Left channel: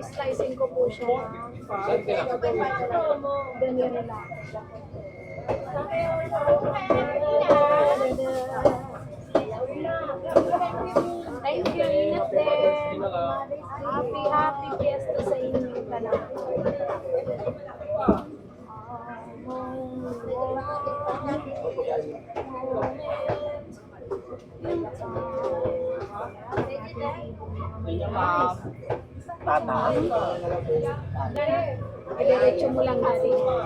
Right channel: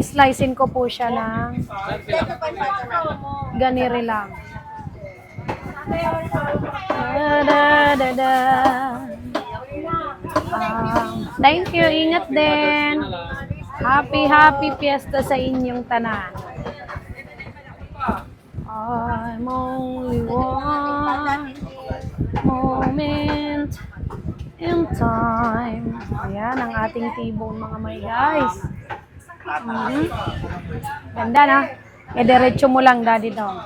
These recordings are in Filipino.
Islicein ko po siya ng ganire lang. Thank you, ingat din. Happy fiesta sa inyong tanan. I'm only one moment in time. Ayan ang ating T-bone mga may guys. Ganda na. E diretso mo lang daddy daw.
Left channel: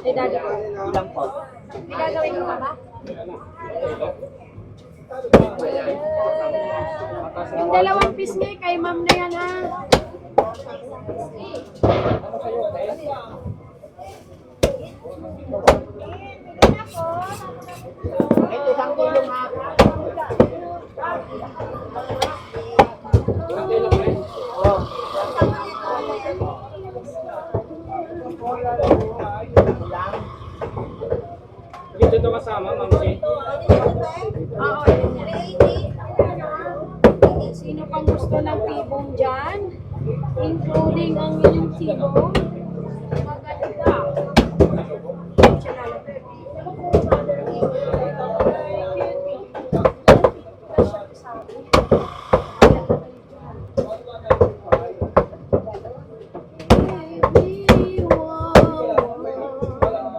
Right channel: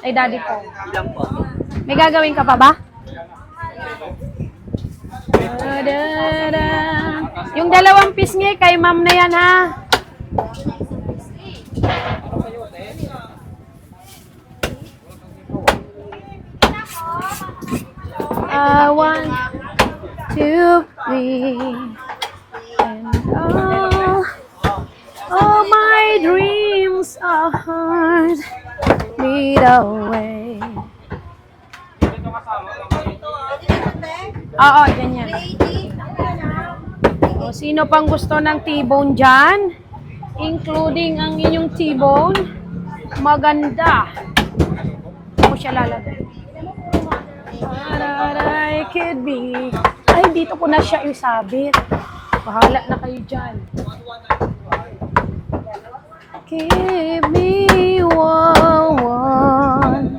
Ay daddy po. Ilang po? May gagawin ka pa ba? Yung dalawang pisngi kay ma'am na yan ha. One, two, three. And all my dreams are hard fade away. Dito kasama, mami. Oo, yan yan. O, sino pang gusto ng T-bone dyan? Including ang inyong T-bone. Maganda. Ako siya lalagay. I could be. Ay, dito ko na siya isabit. Bahala na kayo dyan. Give me one.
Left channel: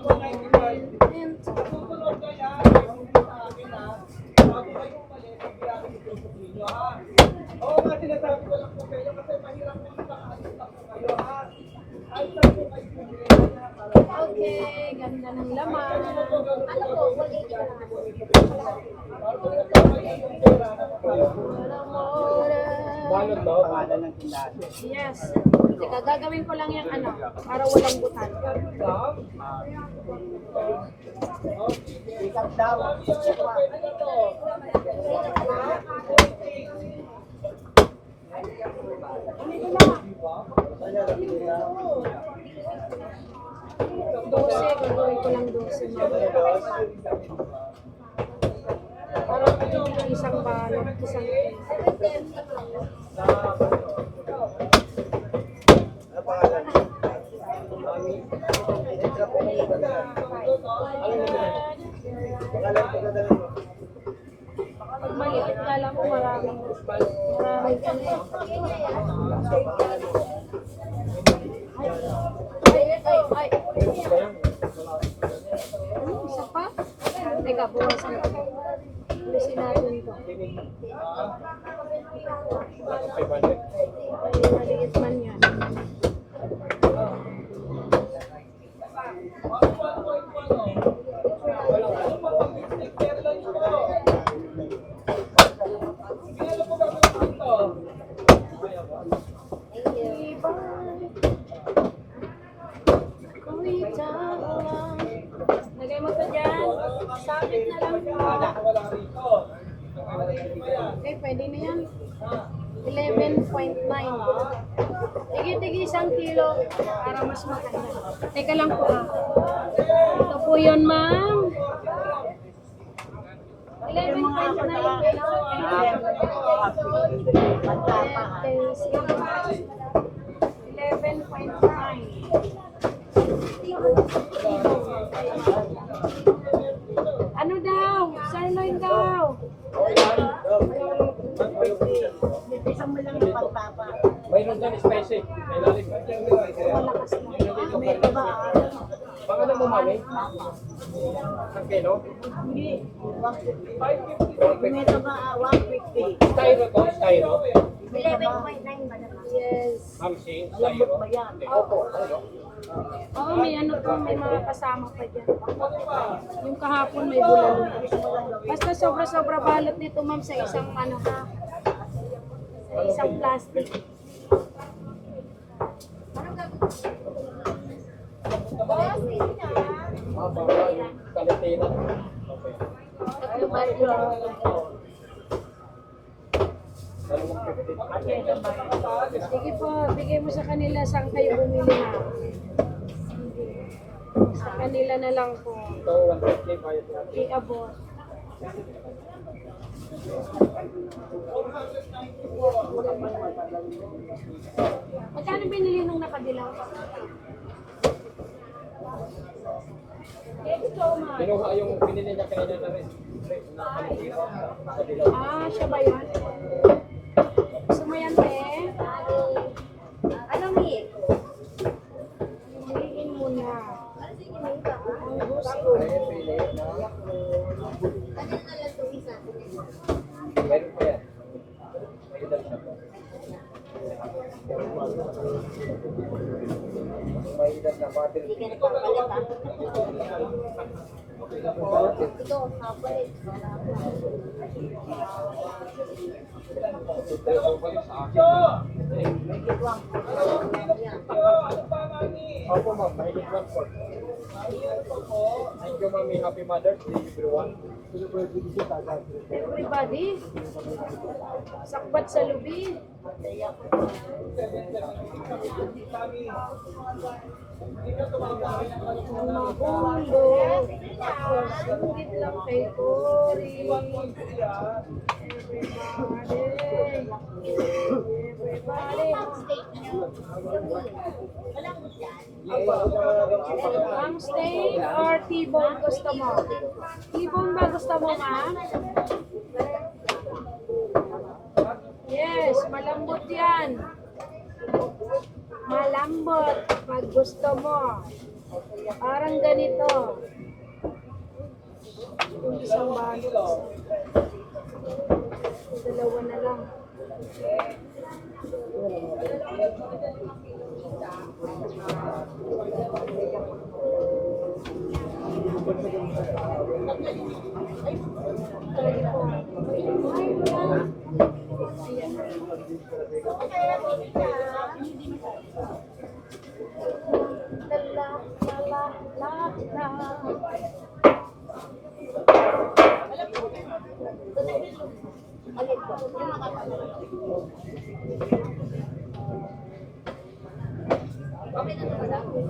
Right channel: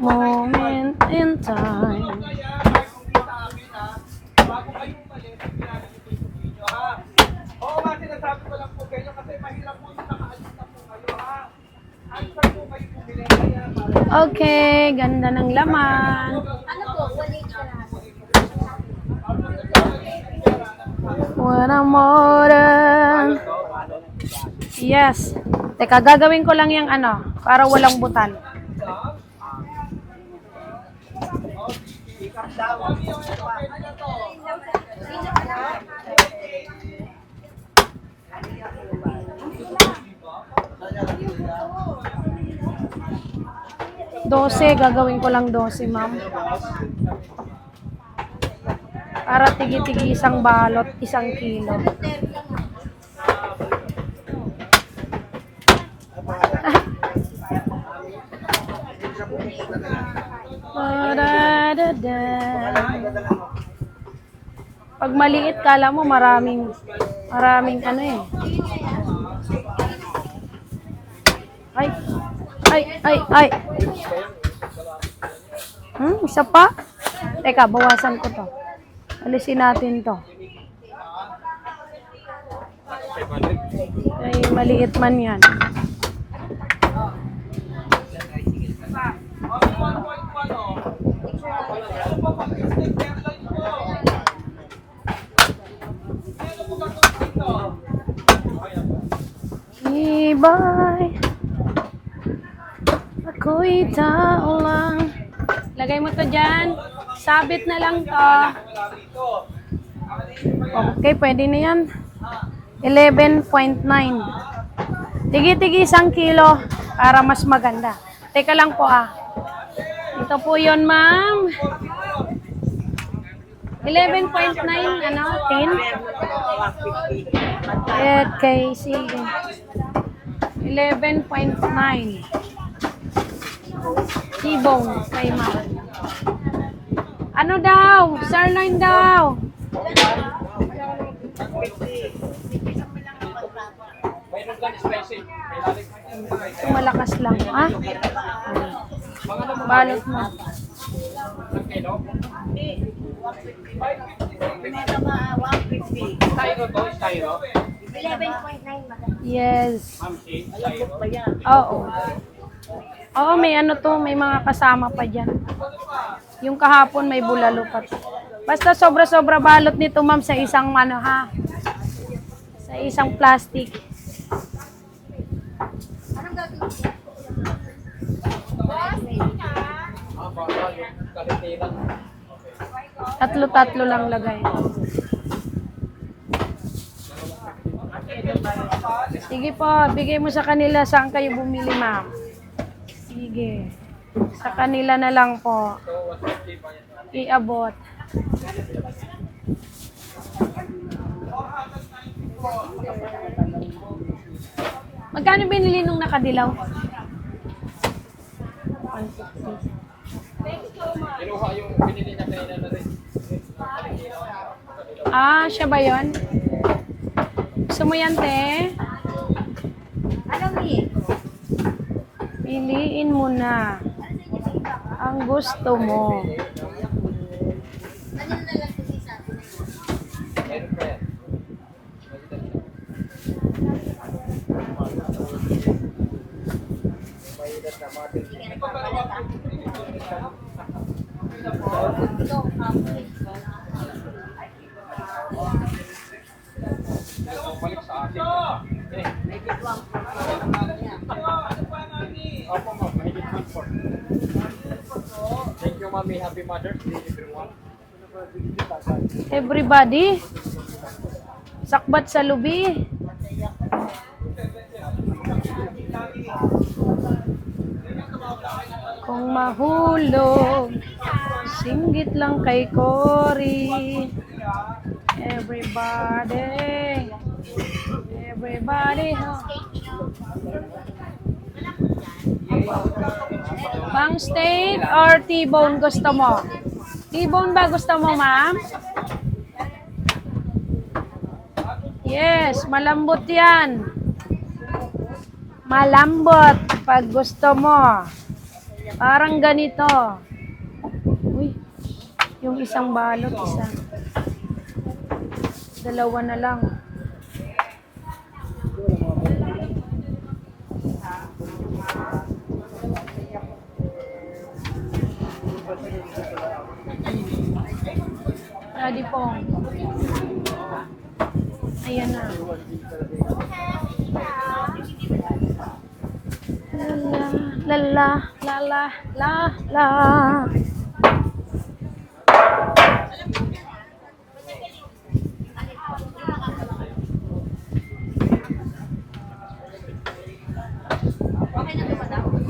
Moment in time. Oo nga, sinasabi ko lang po kayo kasi mahirap po nakaalis na po kayo ha. Ayos lang po kayo pumili. Okay, ganda ng laman. What a modern. Yes. Teka, gagawin ko lang yung ano, para walang butan. Dose, gagawin ko lang 12, ma'am. Para tigi-tigi isang balot, 1 kilo. Pag maliit, kala mo maraming ano eh. Ay. Isa pa? Teka, bawasan ko to. Alisin natin to. Ay, maliit man yan. Ibay, ako'y tao lang. Lagay mo to dyan. Sabit na lang to. Okay, pwede na yan. 11.9. Tigi-tigi 1 kilo para mas maganda. Teka lang po ah. Ito po yun, ma'am. 11.9, ano? 10? KC. 11.9. T-bone kay ma'am. Ano daw? Sirloin daw. Mayroon ka spicy. May lalim ka dyan. Malakas lang. Ah? Mga mo Balot mo. Ang kilo? Hindi, 150. Bineta ba 150? Styro to? Styro? 11.9 ba? Yes. Ma'am, si Lambot ba yan? Oo. Oo, may ano to, may mga kasama pa dyan. Yung kahapon may bulalo pa. Basta sobra-sobra balot nito, ma'am, sa isang ano ha. Sa isang plastic. baka yung kalitiran. Okay. Tatlo-tatlo lang lagay. 250. Sige po, bigay mo sa kanila saan kayo bumili, ma'am. Sige. Sa kanila na lang po. Ito, 150 bayad natin. Iabot. Magkano binili nung nakadilaw? Kinuha yung binili niya kanina na rin. Ah, siya ba yun? Gusto mo yan, te? Ano, Mi? Piliin mo na ang gusto mo. Meron pa yan. May edad na mga Hindi ka nagpapalit, ah. Ito, papalit. bumalik sa akin. May gitwang. Ano pa, Mami? Opo, ma'am. Mahigit 1/4. Thank you, Mami. Happy Mother's Day, everyone. Everybody, sakbat sa lubi. Kung mahulog, singgit lang kay Cory. Everybody, everybody. Bang steak or T-bone gusto mo? T-bone ba gusto mo, ma'am? Yes, malambot yan. Malambot pag gusto mo. Parang ganito. Uy, yung isang balot, isa. Dalawa na lang. Ready po. Ayan na. La la la la la la.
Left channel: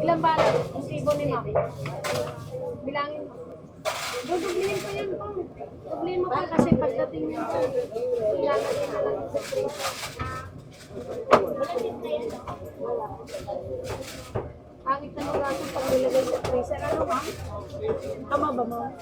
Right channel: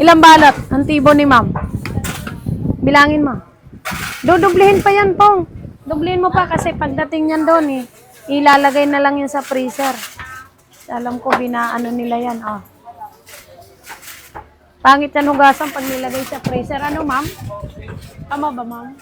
Ilang balot ang tibo ni ma'am? Bilangin mo. Dudublihin pa yan, Pong. Dublihin mo pa kasi pagdating yan doon, ilalagay na lang yan sa freezer. Alam ko, binaano nila yan. Oh. Pangit yan hugasan pag nilagay sa freezer. Ano, ma'am? Tama ba, ma'am?